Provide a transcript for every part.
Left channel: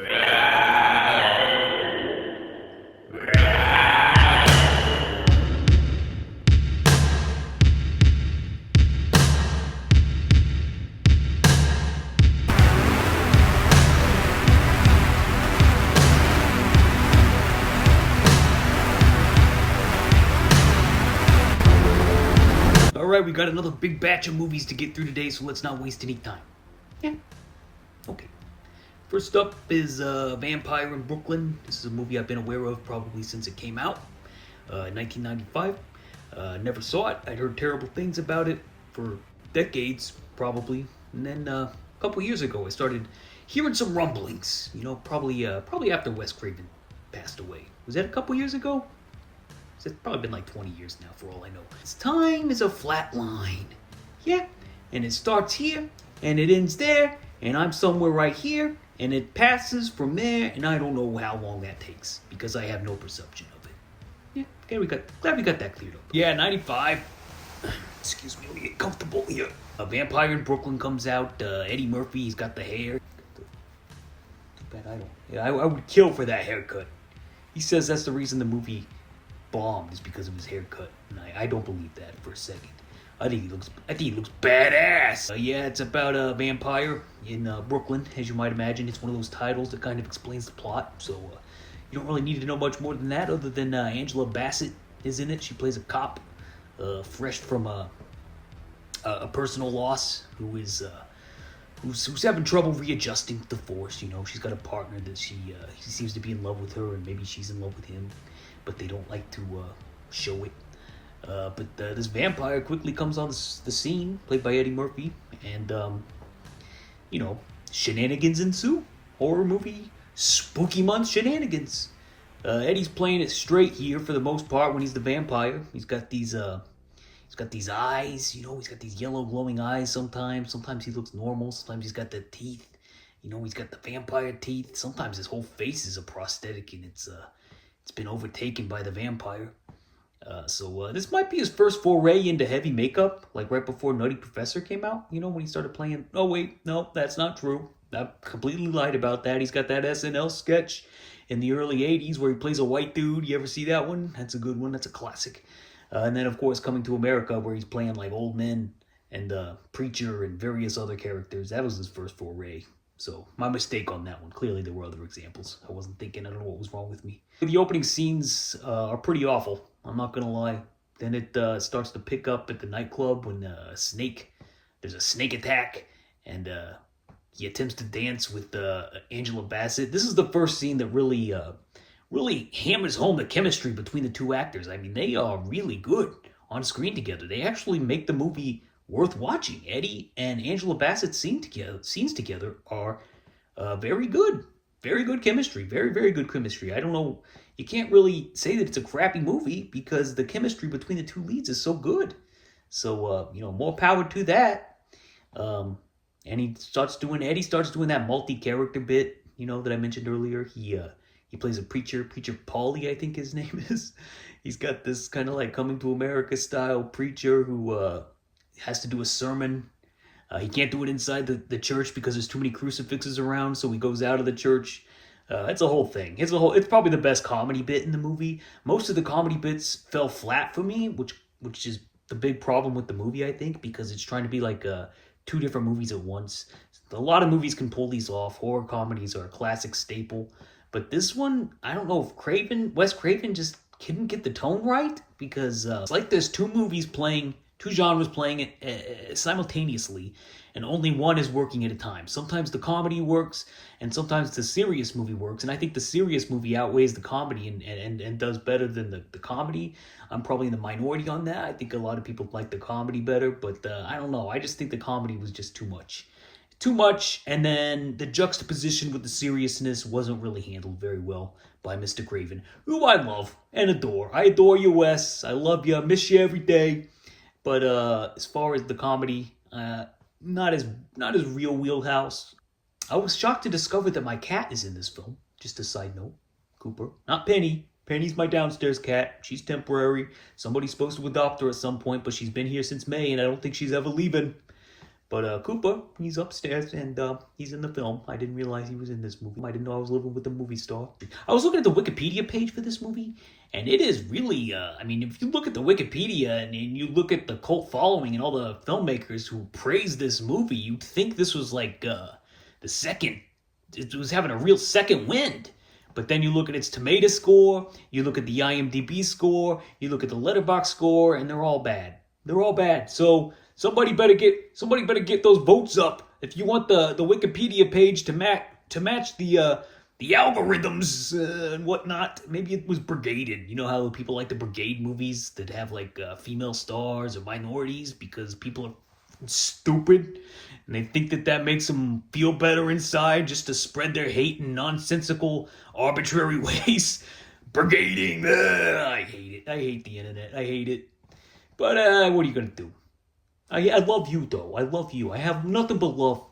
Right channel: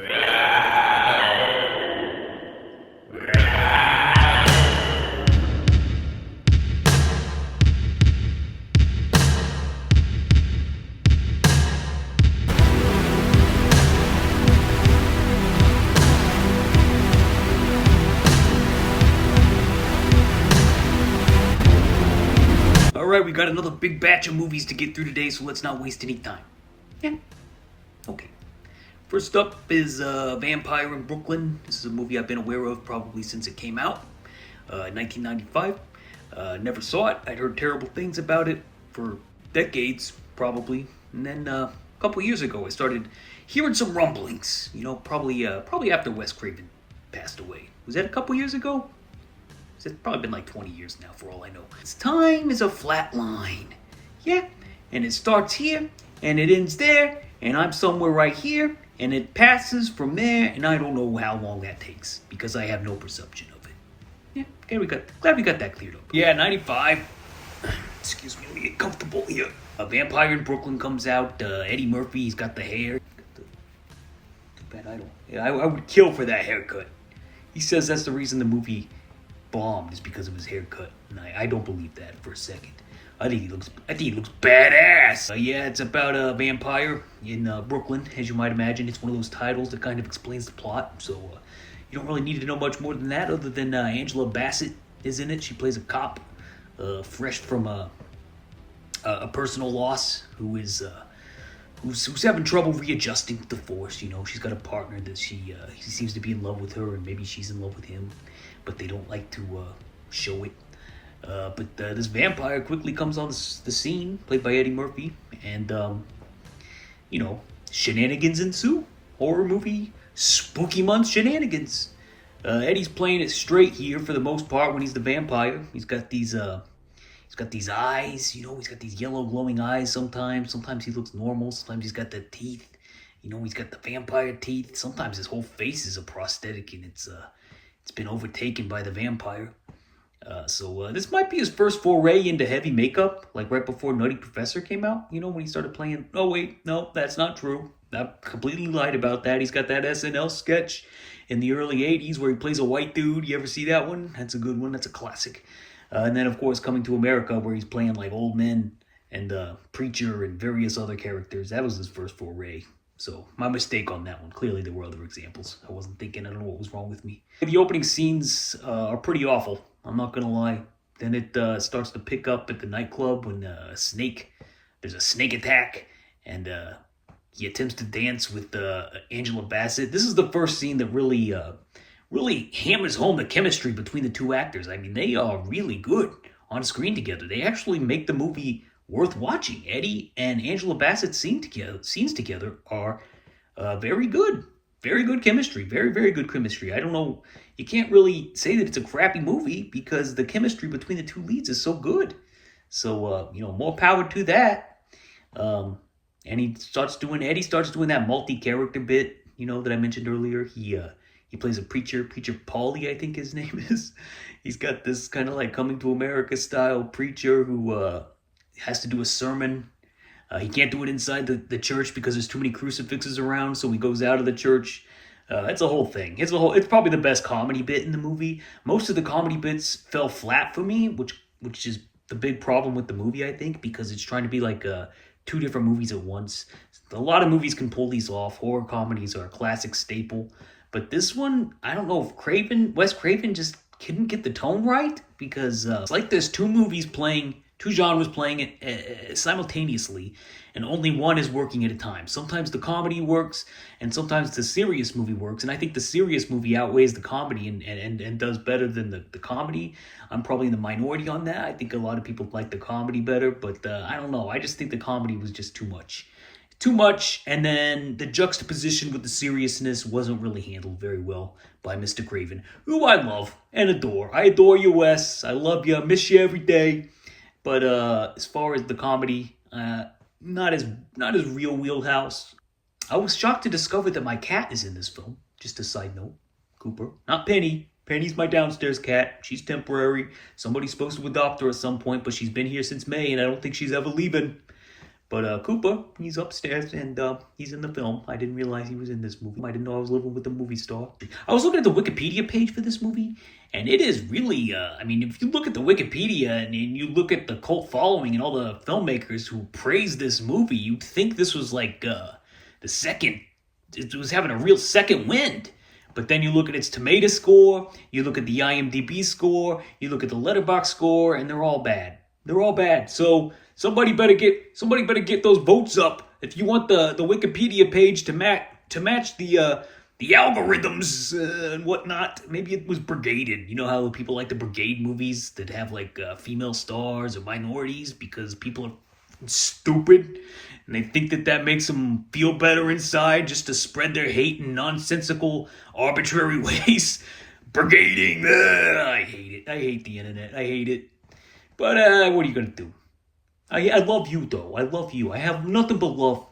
Alright, we got another big batch of movies to get through today, so let's not waste any time. Yeah? Okay. First up is Vampire in Brooklyn. This is a movie I've been aware of probably since it came out in 1995. Never saw it. I'd heard terrible things about it for decades, probably. And then a couple years ago, I started hearing some rumblings. You know, probably after Wes Craven passed away. Was that a couple years ago? It's probably been like 20 years now, for all I know. Time is a flat line. Yeah, and it starts here, and it ends there, and I'm somewhere right here, and it passes from there, and I don't know how long that takes, because I have no perception of it. Yeah, okay, glad we got that cleared up. Yeah, 95. Excuse me, let me get comfortable here. A Vampire in Brooklyn comes out. Eddie Murphy, he's got the hair. I would kill for that haircut. He says that's the reason the movie bombed is because of his haircut. And I don't believe that for a second. I think he looks badass. Yeah, it's about a vampire in Brooklyn, as you might imagine. It's one of those titles that kind of explains the plot. So you don't really need to know much more than that, other than Angela Bassett is in it. She plays a cop, fresh from a personal loss, who's having trouble readjusting to the force. You know, she's got a partner that he seems to be in love with her, and maybe she's in love with him, but they don't like to show it. But this vampire quickly comes on the scene, played by Eddie Murphy, and, shenanigans ensue. Horror movie, spooky month shenanigans. Eddie's playing it straight here for the most part when he's the vampire. He's got these eyes, you know, he's got these yellow glowing eyes sometimes. Sometimes he looks normal, sometimes he's got the teeth. You know, he's got the vampire teeth. Sometimes his whole face is a prosthetic, and it's been overtaken by the vampire. So this might be his first foray into heavy makeup, like right before Nutty Professor came out, you know, when he started playing. Oh, wait, no, that's not true. I completely lied about that. He's got that SNL sketch in the early 80s where he plays a white dude. You ever see that one? That's a good one. That's a classic. And then, of course, Coming to America, where he's playing like old men and Preacher and various other characters. That was his first foray. So, my mistake on that one. Clearly, there were other examples. I wasn't thinking. I don't know what was wrong with me. The opening scenes are pretty awful. I'm not going to lie. Then it starts to pick up at the nightclub when there's a snake attack, and he attempts to dance with Angela Bassett. This is the first scene that really hammers home the chemistry between the two actors. I mean, they are really good on screen together. They actually make the movie worth watching. Eddie and Angela Bassett's scenes together are very good. Very good chemistry. Very, very good chemistry. I don't know. You can't really say that it's a crappy movie because the chemistry between the two leads is so good. So, more power to that. And Eddie starts doing that multi-character bit, that I mentioned earlier. He plays a preacher Paulie, I think his name is. He's got this kind of like Coming to America style preacher who has to do a sermon. He can't do it inside the church because there's too many crucifixes around, so he goes out of the church. It's a whole thing. It's probably the best comedy bit in the movie. Most of the comedy bits fell flat for me, which is the big problem with the movie, I think, because it's trying to be like two different movies at once. A lot of movies can pull these off. Horror comedies are a classic staple. But this one, I don't know if Wes Craven just couldn't get the tone right, because it's like there's two genres playing it simultaneously, and only one is working at a time. Sometimes the comedy works, and sometimes the serious movie works, and I think the serious movie outweighs the comedy and does better than the comedy. I'm probably in the minority on that. I think a lot of people like the comedy better, but I don't know. I just think the comedy was just too much. And then the juxtaposition with the seriousness wasn't really handled very well by Mr. Craven, who I love and adore. I adore you, Wes. I love you. I miss you every day. But as far as the comedy, not as real wheelhouse. I was shocked to discover that my cat is in this film. Just a side note. Cooper. Not Penny. Penny's my downstairs cat. She's temporary. Somebody's supposed to adopt her at some point, but she's been here since May, and I don't think she's ever leaving. But Koopa, he's upstairs and he's in the film. I didn't realize he was in this movie. I didn't know I was living with a movie star. I was looking at the Wikipedia page for this movie, and it is really, I mean, if you look at the Wikipedia and you look at the cult following and all the filmmakers who praise this movie, you'd think this was like the second, it was having a real second wind. But then you look at its tomato score, you look at the IMDb score, you look at the Letterboxd score, and they're all bad. They're all bad. So somebody better get those votes up if you want the Wikipedia page to match the algorithms and whatnot. Maybe it was brigaded. You know how people like the brigade movies that have like female stars or minorities because people are stupid and they think that makes them feel better inside just to spread their hate in nonsensical, arbitrary ways. Brigading. I hate it. I hate the internet. I hate it. But what are you gonna do? I love you though. I love you. I have nothing but love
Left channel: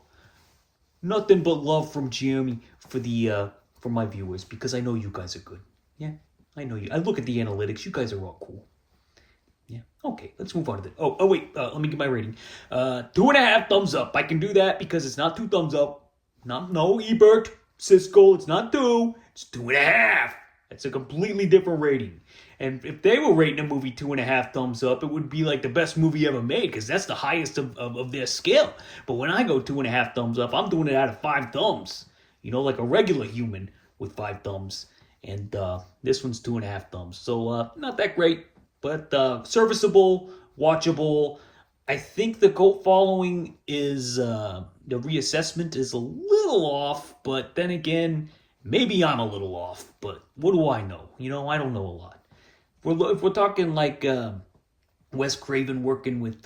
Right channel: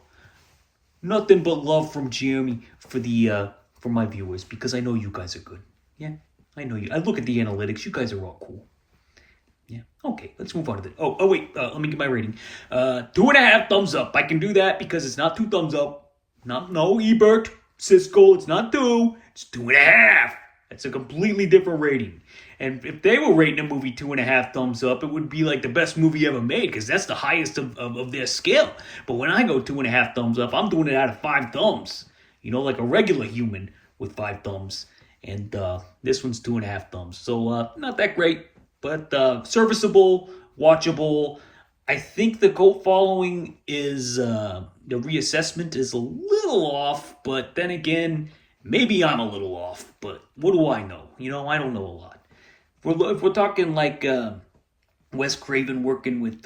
from Jeremy for my viewers because I know you guys are good. Yeah, I know you. I look at the analytics. You guys are all cool. Yeah. Okay, let's move on to this. Oh wait. Let me get my rating. 2.5 thumbs up. I can do that because it's not 2 thumbs up. No Ebert, Siskel. It's not 2. It's 2.5. That's a completely different rating. And if they were rating a movie 2.5 thumbs up, it would be like the best movie ever made because that's the highest of their scale. But when I go 2.5 thumbs up, I'm doing it out of 5 thumbs. You know, like a regular human with 5 thumbs. And this one's 2.5 thumbs. So not that great, but serviceable, watchable. I think the cult following is, the reassessment is a little off, but then again, maybe I'm a little off, but what do I know? You know, I don't know a lot. If we're talking like Wes Craven working with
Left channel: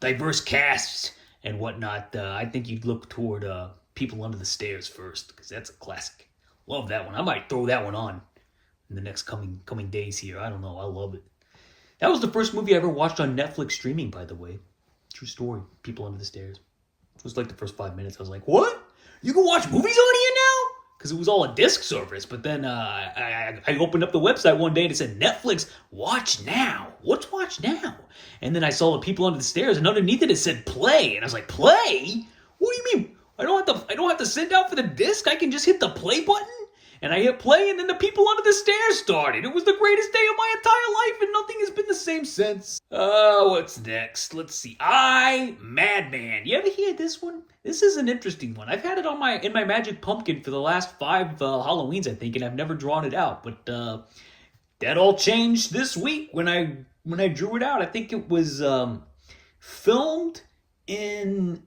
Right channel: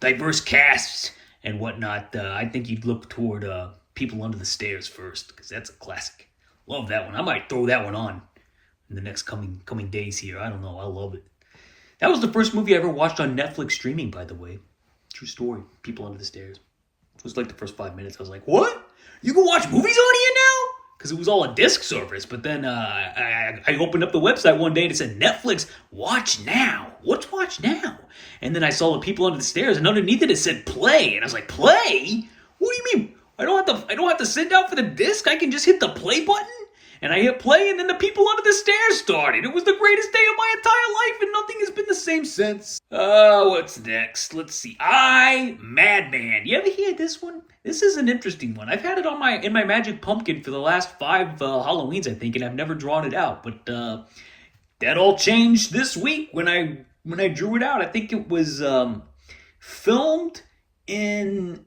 diverse casts and whatnot, I think you'd look toward People Under the Stairs first, because that's a classic. Love that one. I might throw that one on in the next coming days here. I don't know. I love it. That was the first movie I ever watched on Netflix streaming, by the way. True story. People Under the Stairs. It was like the first 5 minutes. I was like, what? You can watch movies on here now? Because it was all a disc service. But then I opened up the website one day and it said, Netflix, watch now. What's watch now? And then I saw the People Under the Stairs, and underneath it said play. And I was like, play? What do you mean? I don't have to sit down for the disc. I can just hit the play button. And I hit play, and then the People Under the Stairs started. It was the greatest day of my entire life, and nothing has been the same since. What's next? Let's see. Madman. You ever hear this one? This is an interesting one. I've had it in my Magic Pumpkin for the last 5 Halloweens, I think, and I've never drawn it out. But that all changed this week when I drew it out. I think it was filmed in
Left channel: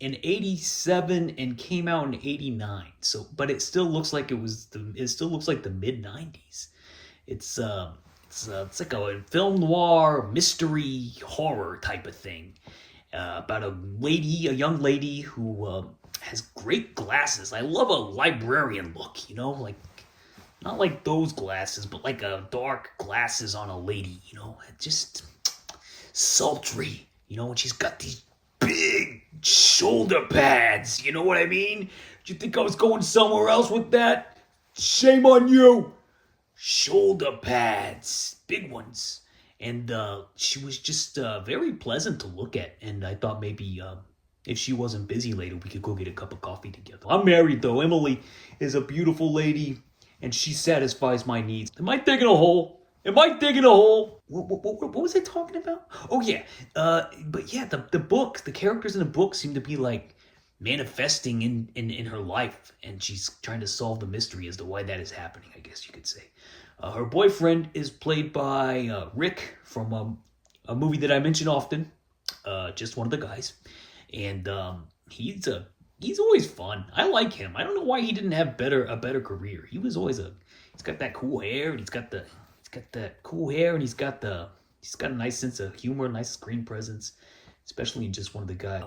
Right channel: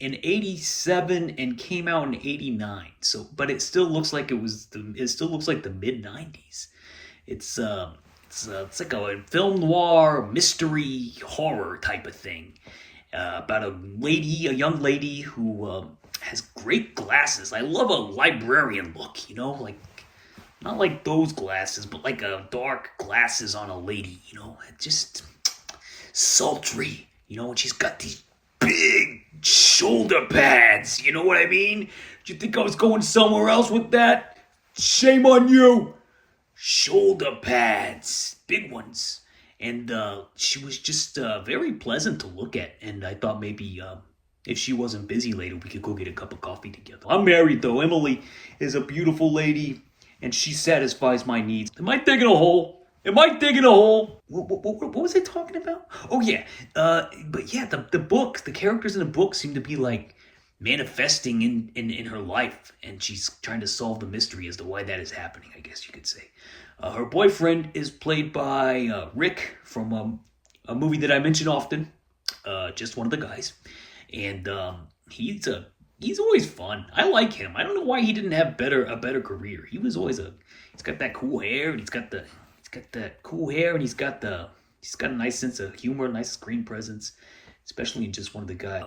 87 and came out in 89. So, but it still looks like it still looks like the mid 90s. It's like a film noir mystery horror type of thing about a young lady who has great glasses. I love a librarian look, you know, like not like those glasses, but like a dark glasses on a lady, you know, just sultry, you know, and she's got these big shoulder pads, you know what I mean? Did you think I was going somewhere else with that? Shame on you. Shoulder pads, big ones. And she was just very pleasant to look at. And I thought maybe if she wasn't busy later, we could go get a cup of coffee together. I'm married though. Emily is a beautiful lady, and she satisfies my needs. Am I digging a hole? What was I talking about? Oh yeah, but yeah, the characters in the book seem to be like manifesting in her life, and she's trying to solve the mystery as to why that is happening, I guess you could say. Her boyfriend is played by Rick from a movie that I mention often, just one of the guys, and he's always fun. I like him. I don't know why he didn't have a better career. He was always he's got that cool hair, and he's got that cool hair, and he's got a nice sense of humor, nice screen presence, especially in just one of the guys.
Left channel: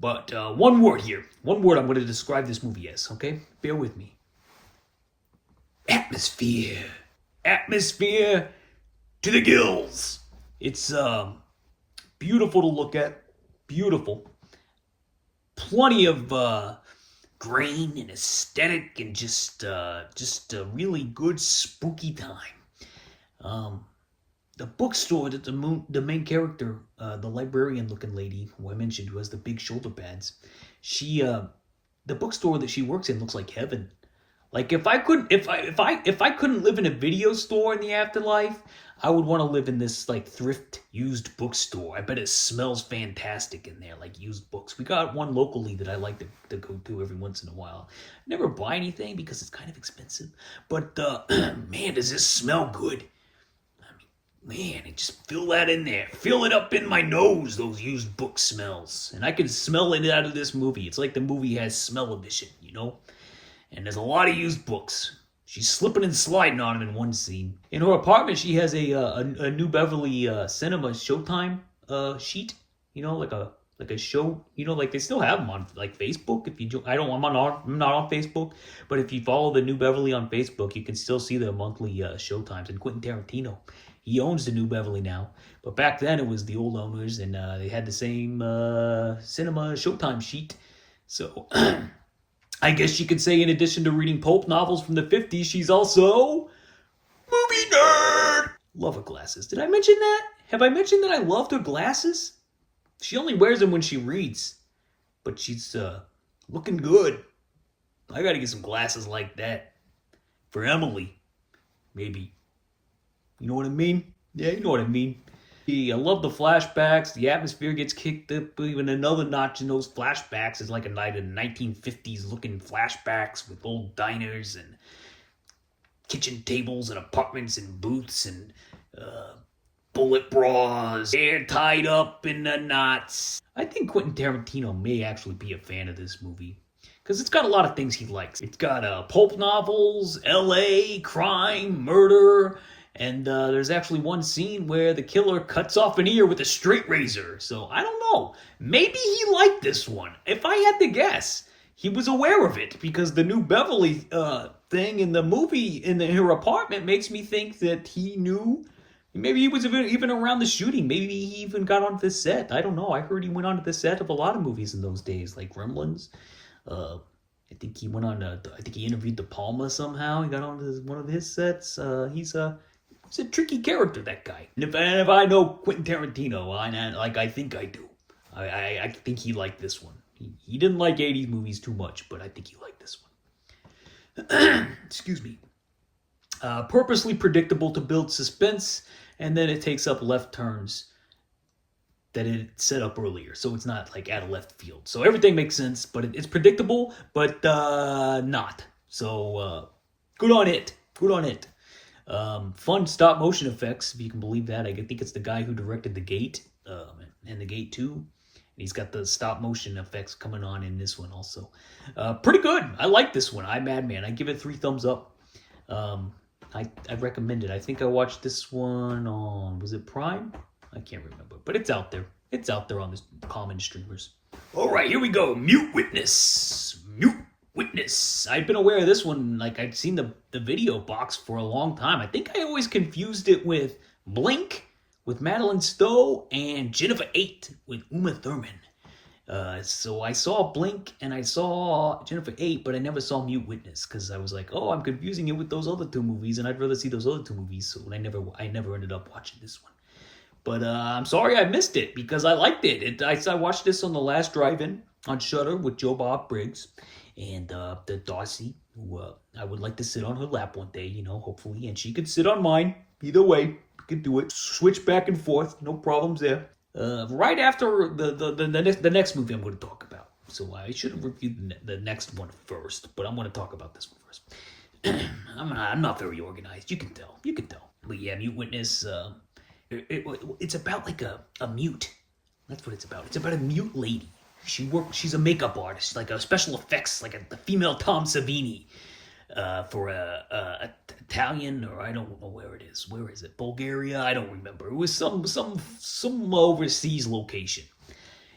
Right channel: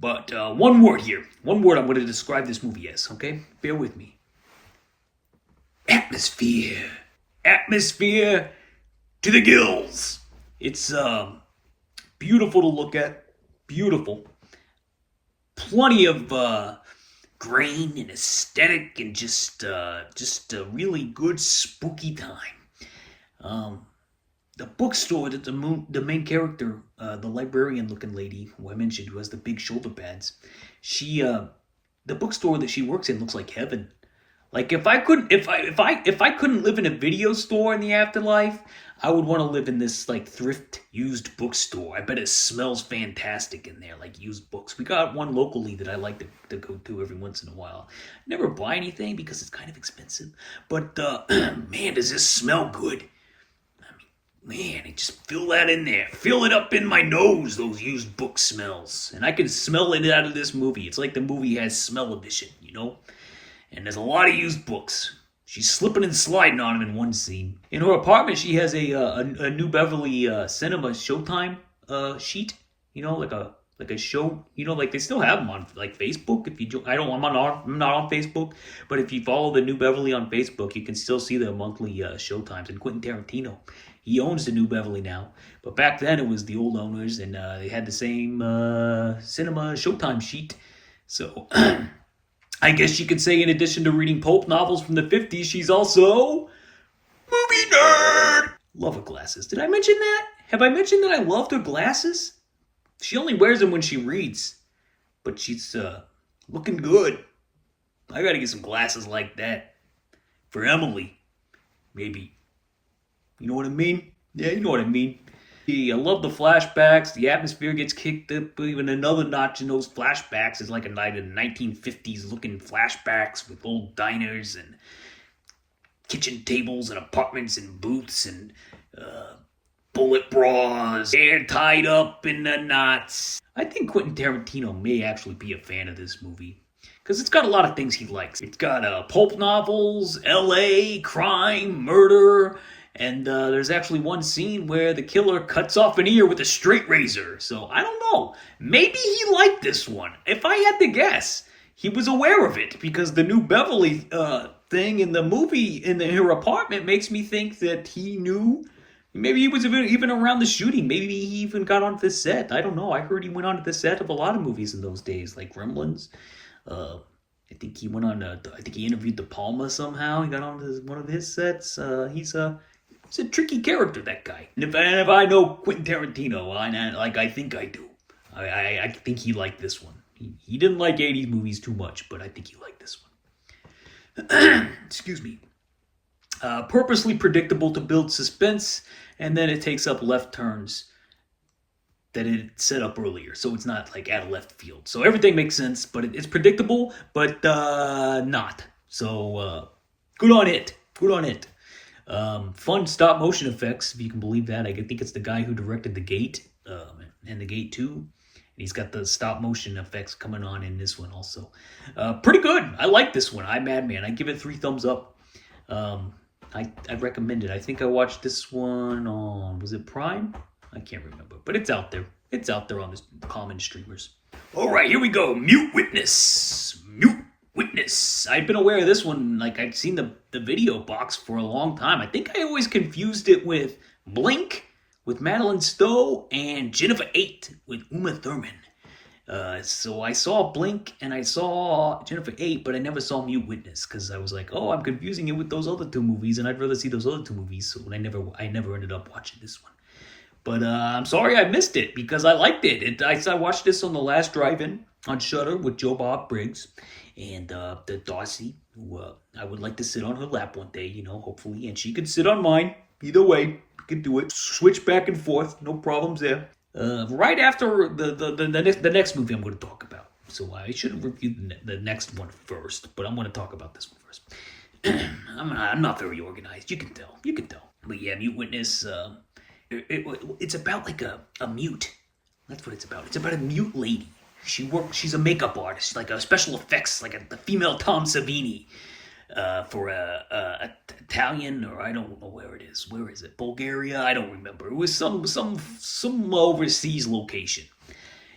But one word I'm going to describe this movie as, okay? Bear with me. Atmosphere to the gills. It's beautiful to look at, beautiful. Plenty of grain and aesthetic, and just a really good spooky time. the bookstore that the main character, the librarian-looking lady who I mentioned, who has the big shoulder pads, she the bookstore that she works in looks like heaven. Like if I couldn't live in a video store in the afterlife, I would want to live in this like thrift used bookstore. I bet it smells fantastic in there, like used books. We got one locally that I like to go to every once in a while. Never buy anything because it's kind of expensive, but man, does this smell good? Man, just fill that in there. Fill it up in my nose, those used book smells. And I can smell it out of this movie. It's like the movie has smell edition, you know? And there's a lot of used books. She's slipping and sliding on them in one scene. In her apartment, she has a New Beverly Cinema Showtime sheet. You know, like a show. You know, like they still have them on like Facebook. If you I'm not on Facebook, but if you follow the New Beverly on Facebook, you can still see their monthly showtimes. And Quentin Tarantino, he owns the New Beverly now, but back then it was the old owners, and they had the same cinema Showtime sheet. So I guess you could say, in addition to reading pulp novels from the 50s, she's also movie nerd. Love her glasses. Did I mention that? Have I mentioned that I loved her glasses? She only wears them when she reads, but she's looking good. I gotta get some glasses like that for Emily, maybe. You know what I mean? Yeah, you know what I mean. I love the flashbacks. The atmosphere gets kicked up even another notch in those flashbacks. It's like a night in 1950s looking flashbacks with old diners and kitchen tables and apartments and booths and bullet bras, hair tied up in the knots. I think Quentin Tarantino may actually be a fan of this movie, because it's got a lot of things he likes. It's got pulp novels, LA, crime, murder, and there's actually one scene where the killer cuts off an ear with a straight razor. So I don't know. Maybe he liked this one. If I had to guess, he was aware of it, because the New Beverly thing in the movie in her apartment makes me think that he knew. Maybe he was even around the shooting. Maybe he even got onto the set. I don't know. I heard he went onto the set of a lot of movies in those days, like Gremlins. I think he went on. I think he interviewed De Palma somehow. He got on one of his sets. He's a tricky character, that guy. And if I know Quentin Tarantino, I think I do. I think he liked this one. He didn't like 80s movies too much, but I think he liked this one. Excuse me. Purposely predictable to build suspense, and then it takes up left turns that it set up earlier, so it's not like out of left field. So everything makes sense, but it's predictable, but not. So good on it. Good on it. Fun stop motion effects, if you can believe that. I think it's the guy who directed The Gate and The Gate 2. And he's got the stop motion effects coming on in this one also. Pretty good. I like this one. Madman. I give it 3 thumbs up. I'd recommend it. I think I watched this one on, was it Prime? I can't remember, but it's out there. It's out there on the common streamers. All right, here we go. Mute Witness. Mute Witness. I've been aware of this one. Like, I'd seen the video box for a long time. I think I always confused it with Blink with Madeline Stowe and Jennifer 8 with Uma Thurman. So I saw Blink and I saw Jennifer 8, but I never saw Mute Witness, because I was like, oh, I'm confusing it with those other 2 movies, and I'd rather see those other 2 movies. So I never ended up watching this one. But I'm sorry I missed it, because I liked it. I watched this on the last drive-in on Shudder with Joe Bob Briggs and the Darcy, who I would like to sit on her lap one day, hopefully, and she could sit on mine. Either way, we could do it. Switch back and forth, no problems there. Right after the next movie I'm going to talk about. So I should have reviewed the next one first, but I'm going to talk about this one first. I'm not very organized. You can tell. But yeah, Mute Witness. It's about like a mute. That's what it's about. It's about a mute lady. She's a makeup artist, like a special effects, like the female Tom Savini, for a Italian, or I don't know where it is. Where is it? Bulgaria? I don't remember. It was some overseas location.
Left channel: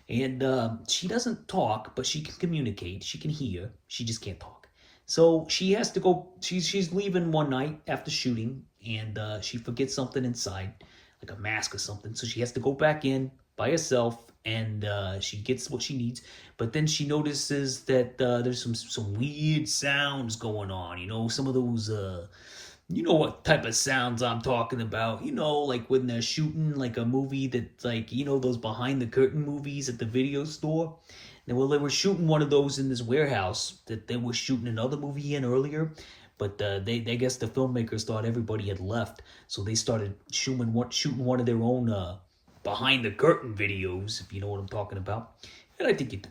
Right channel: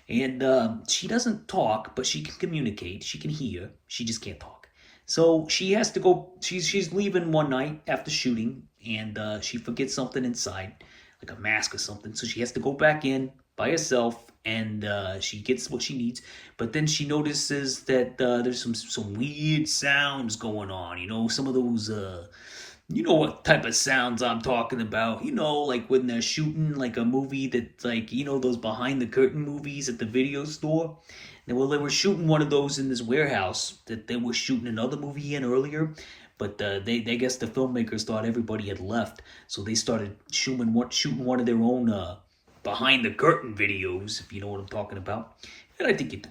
And she doesn't talk, but she can communicate. She can hear. She just can't talk. So she has to go. She's leaving one night after shooting, and she forgets something inside, like a mask or something. So she has to go back in by herself, and she gets what she needs. But then she notices that there's some weird sounds going on. Some of those You know what type of sounds I'm talking about. You know, like when they're shooting like a movie that's like, you know, those behind the curtain movies at the video store. And well, they were shooting one of those in this warehouse that they were shooting another movie in earlier. But they guess the filmmakers thought everybody had left, so they started shooting one of their own behind the curtain videos, if you know what I'm talking about. And I think you do.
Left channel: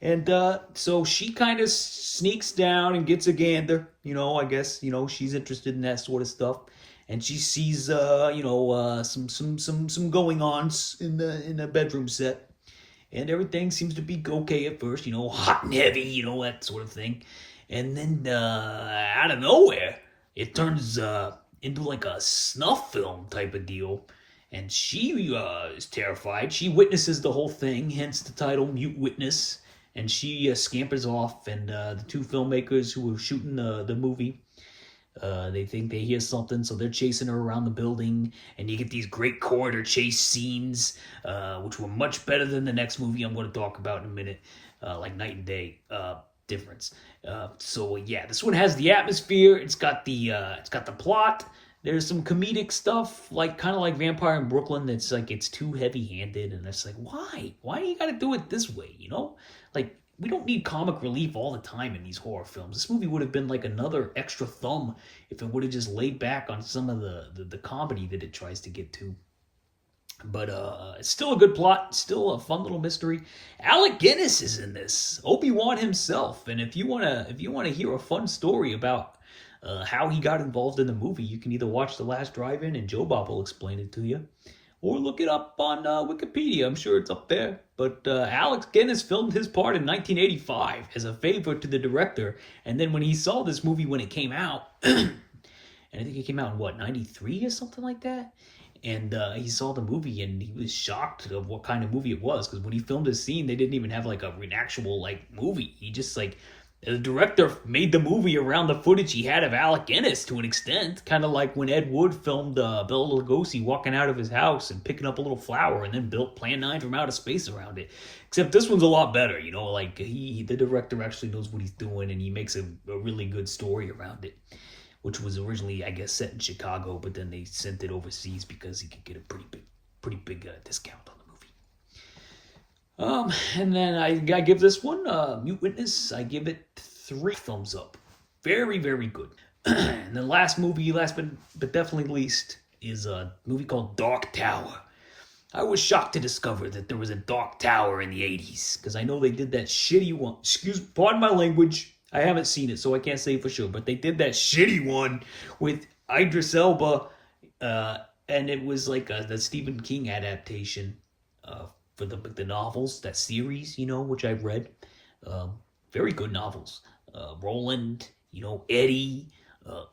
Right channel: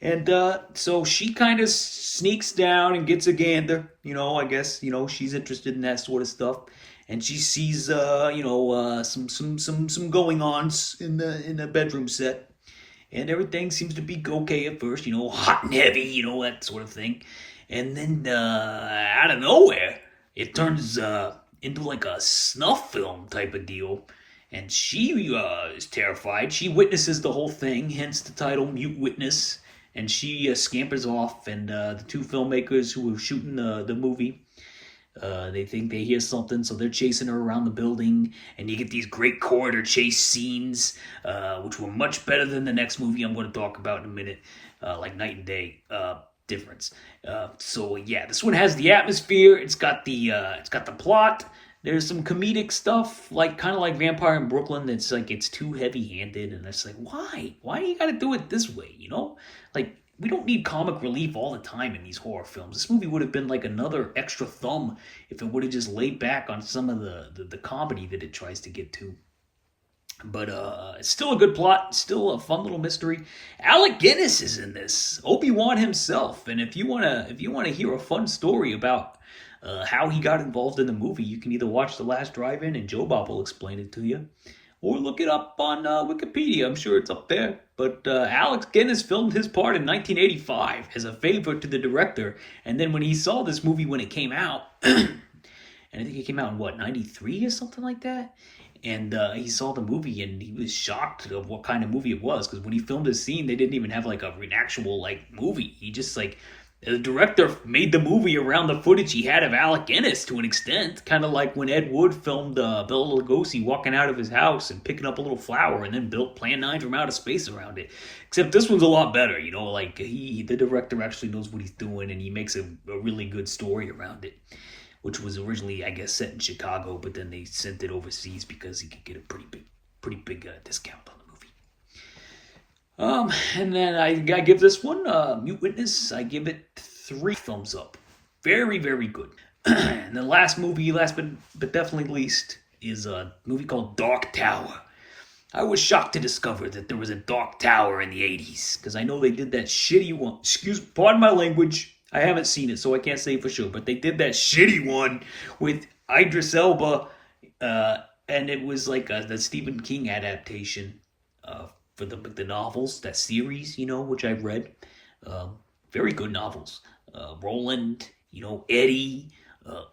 And so she kind of sneaks down and gets a gander. You know, I guess she's interested in that sort of stuff, and she sees some going ons in the bedroom set, and everything seems to be okay at first. You know, hot and heavy. You know, that sort of thing, and then out of nowhere, it turns into like a snuff film type of deal. And she is terrified. She witnesses the whole thing, hence the title Mute Witness. And she scampers off, and the two filmmakers who were shooting the movie, they think they hear something, so they're chasing her around the building, and you get these great corridor chase scenes, which were much better than the next movie I'm going to talk about in a minute, like night and day difference. So yeah, this one has the atmosphere. It's got the plot. There's some comedic stuff, like kind of like Vampire in Brooklyn. It's like it's too heavy-handed, and it's like, why? Why do you got to do it this way? You know, like we don't need comic relief all the time in these horror films. This movie would have been like another extra thumb if it would have just laid back on some of the comedy that it tries to get to. But it's still a good plot, still a fun little mystery. Alec Guinness is in this, Obi-Wan himself, and if you wanna hear a fun story about how he got involved in the movie, you can either watch The Last Drive-In and Joe Bob will explain it to you, or look it up on Wikipedia. I'm sure it's up there. But Alex Guinness filmed his part in 1985 as a favor to the director, and then when he saw this movie when it came out, and I think it came out in what, 93 or something like that? And he saw the movie and he was shocked of what kind of movie it was, because when he filmed his scene, they didn't even have like an actual like movie. He just like, the director made the movie around the footage he had of Alec Guinness to an extent, kind of like when Ed Wood filmed Bela Lugosi walking out of his house and picking up a little flower and then built Plan 9 from outer space around it. Except this one's a lot better, you know, like the director actually knows what he's doing and he makes a really good story around it, which was originally, I guess, set in Chicago, but then they sent it overseas because he could get a pretty big discount on the movie. And then I give this one, Mute Witness, I give it 3 thumbs up. Very, very good. And the last movie, last but definitely least, is a movie called Dark Tower. I was shocked to discover that there was a Dark Tower in the 80s, because I know they did that shitty one. Pardon my language. I haven't seen it, so I can't say for sure, but they did that shitty one with Idris Elba, and it was like the Stephen King adaptation for the novels, that series, you know, which I've read. Very good novels. Roland, you know, Eddie,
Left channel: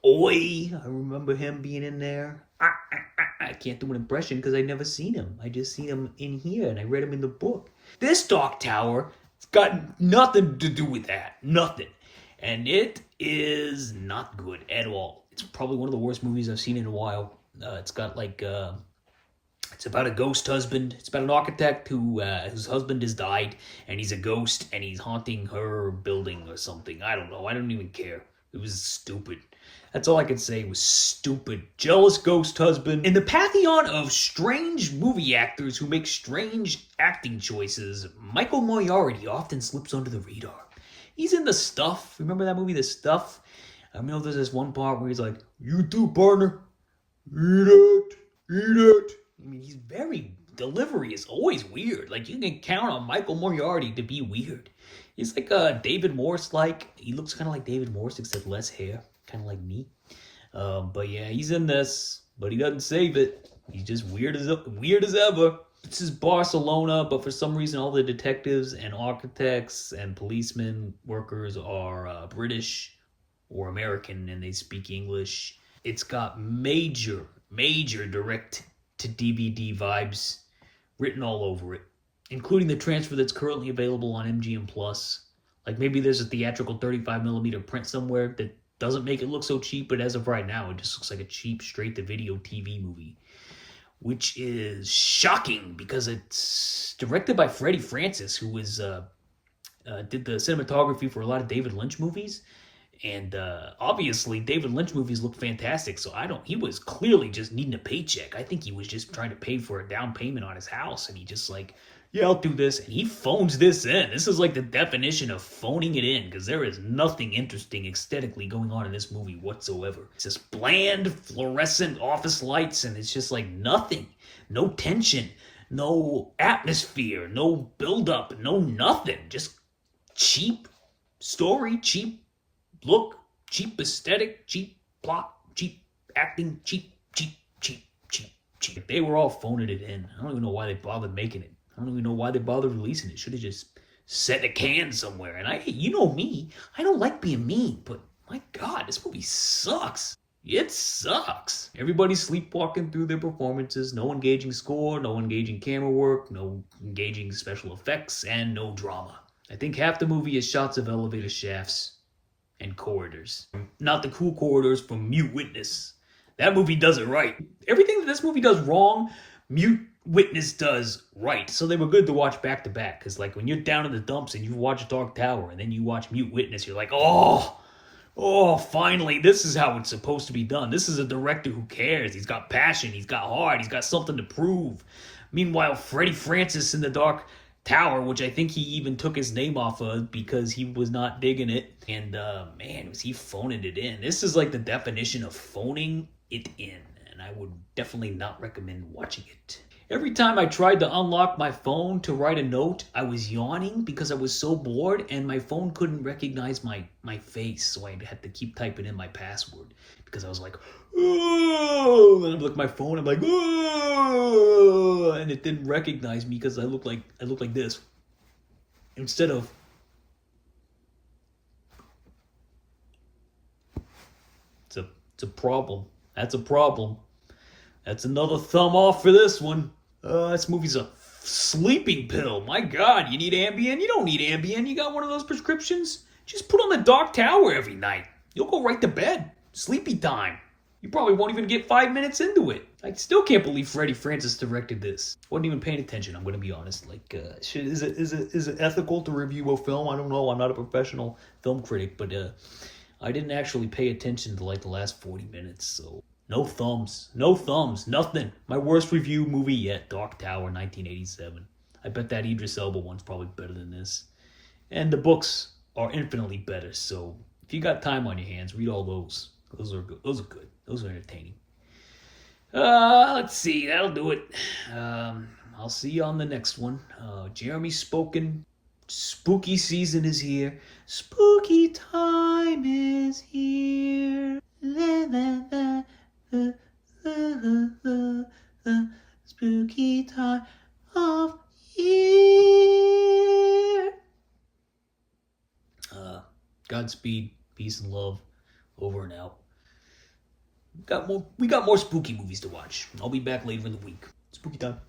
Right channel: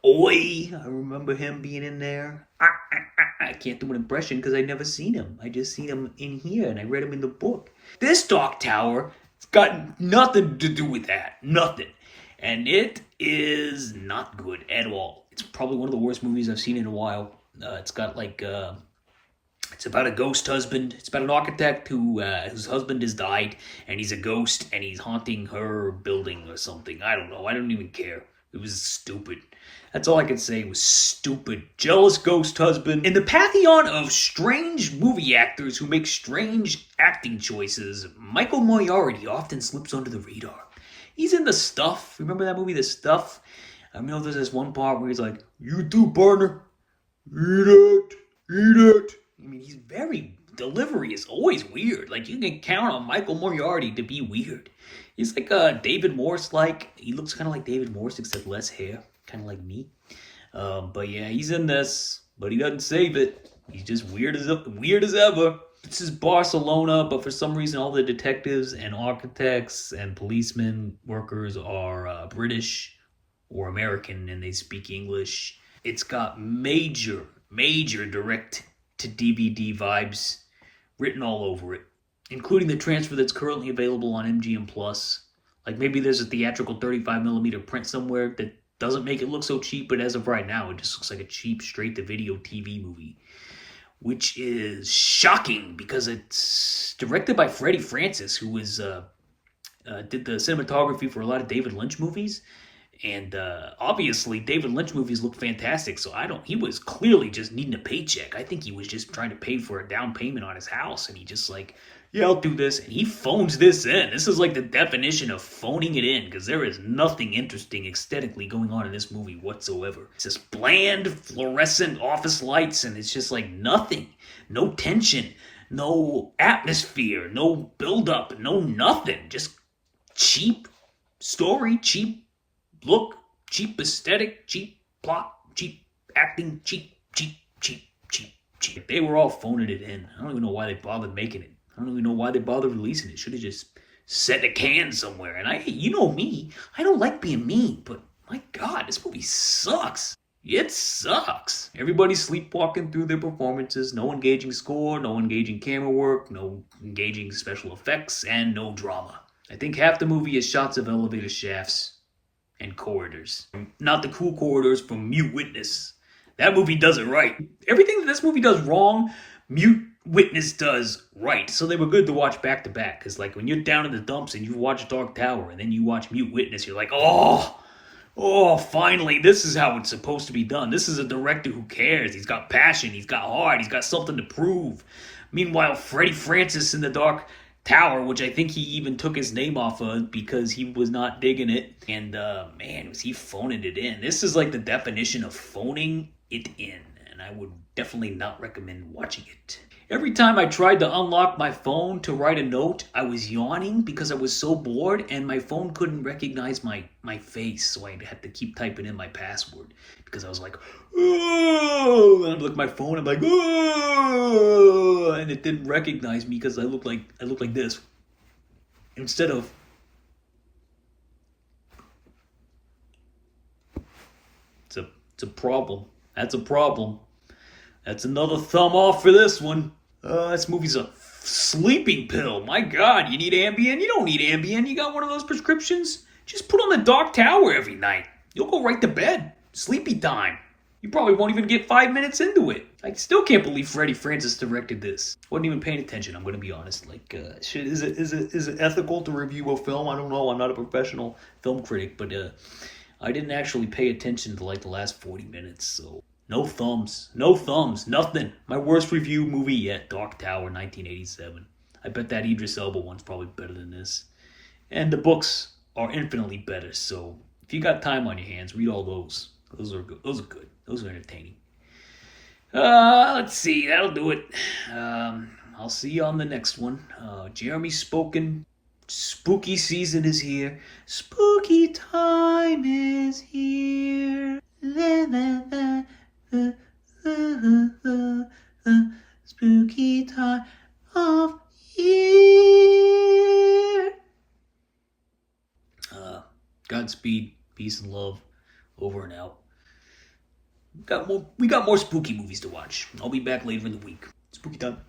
Oi, I remember him being in there. I can't do an impression because I've never seen him. I just seen him in here, and I read him in the book. This Dark Tower, it's got nothing to do with that. Nothing. And it is not good at all. It's probably one of the worst movies I've seen in a while. It's got like, it's about a ghost husband. It's about an architect whose husband has died, and he's a ghost, and he's haunting her building or something. I don't know. I don't even care. It was stupid. That's all I can say. It was stupid. Jealous ghost husband. In the pantheon of strange movie actors who make strange acting choices, Michael Moriarty often slips under the radar. He's in The Stuff. Remember that movie, The Stuff? I know there's this one part where he's like, "You too, partner. Eat it. Eat it." I mean, he's delivery is always weird. Like, you can count on Michael Moriarty to be weird. He's like David Morse-like. He looks kind of like David Morse, except less hair. Kind of like me. But yeah, he's in this, but he doesn't save it. He's just weird as ever. This is Barcelona, but for some reason all the detectives and architects and policemen workers are British or American, and they speak English. It's got major direct-to-DVD vibes written all over it, including the transfer that's currently available on MGM+. Like maybe there's a theatrical 35mm print somewhere that doesn't make it look so cheap, but as of right now, it just looks like a cheap straight-to-video TV movie, which is shocking because it's directed by Freddie Francis, who did the cinematography for a lot of David Lynch movies. And obviously, David Lynch movies look fantastic. So he was clearly just needing a paycheck. I think he was just trying to pay for a down payment on his house. And he just like, yeah, I'll do this. And he phones this in. This is like the definition of phoning it in, because there is nothing interesting aesthetically going on in this movie whatsoever. It's just bland, fluorescent office lights, and it's just like nothing. No tension, no atmosphere, no build-up, no nothing. Just cheap story, cheap look, cheap aesthetic, cheap plot, cheap acting, cheap. They were all phoning it in. I don't even know why they bothered making it. I don't even know why they bothered releasing it. Should have just set a can somewhere. And you know me, I don't like being mean, but my God, this movie sucks. It sucks. Everybody's sleepwalking through their performances. No engaging score, no engaging camera work, no engaging special effects, and no drama. I think half the movie is shots of elevator shafts and corridors. Not the cool corridors from Mute Witness. That movie does it right. Everything that this movie does wrong, Mute Witness does right. So they were good to watch back to back. Because like when you're down in the dumps and you watch Dark Tower and then you watch Mute Witness, you're like, oh, finally, this is how it's supposed to be done. This is a director who cares. He's got passion. He's got heart. He's got something to prove. Meanwhile, Freddie Francis in the Dark Tower, which I think he even took his name off of because he was not digging it. And man, was he phoning it in. This is like the definition of phoning it in. And I would definitely not recommend watching it. Every time I tried to unlock my phone to write a note, I was yawning because I was so bored and my phone couldn't recognize my face. So I had to keep typing in my password because I was like, oh, and I look at my phone, I'm like, oh, and it didn't recognize me because I look like this instead of. It's a problem. That's a problem. That's another thumb off for this one. This movie's a sleeping pill. My God, you need Ambien? You don't need Ambien. You got one of those prescriptions? Just put on the Dark Tower every night. You'll go right to bed. Sleepy time. You probably won't even get 5 minutes into it. I still can't believe Freddie Francis directed this. Wasn't even paying attention, I'm going to be honest. Like, is it ethical to review a film? I don't know. I'm not a professional film critic, but I didn't actually pay attention to like the last 40 minutes, so. No thumbs, nothing. My worst review movie yet, Dark Tower, 1987. I bet that Idris Elba one's probably better than this. And the books are infinitely better, so if you got time on your hands, read all those. Those are good. Those are entertaining. Let's see, that'll do it. I'll see you on the next one. Jeremy's spoken. Spooky season is here. Spooky time is here. Spooky time of year. Godspeed, peace and love, over and out. We got more spooky movies to watch. I'll be back later in the week. Spooky time.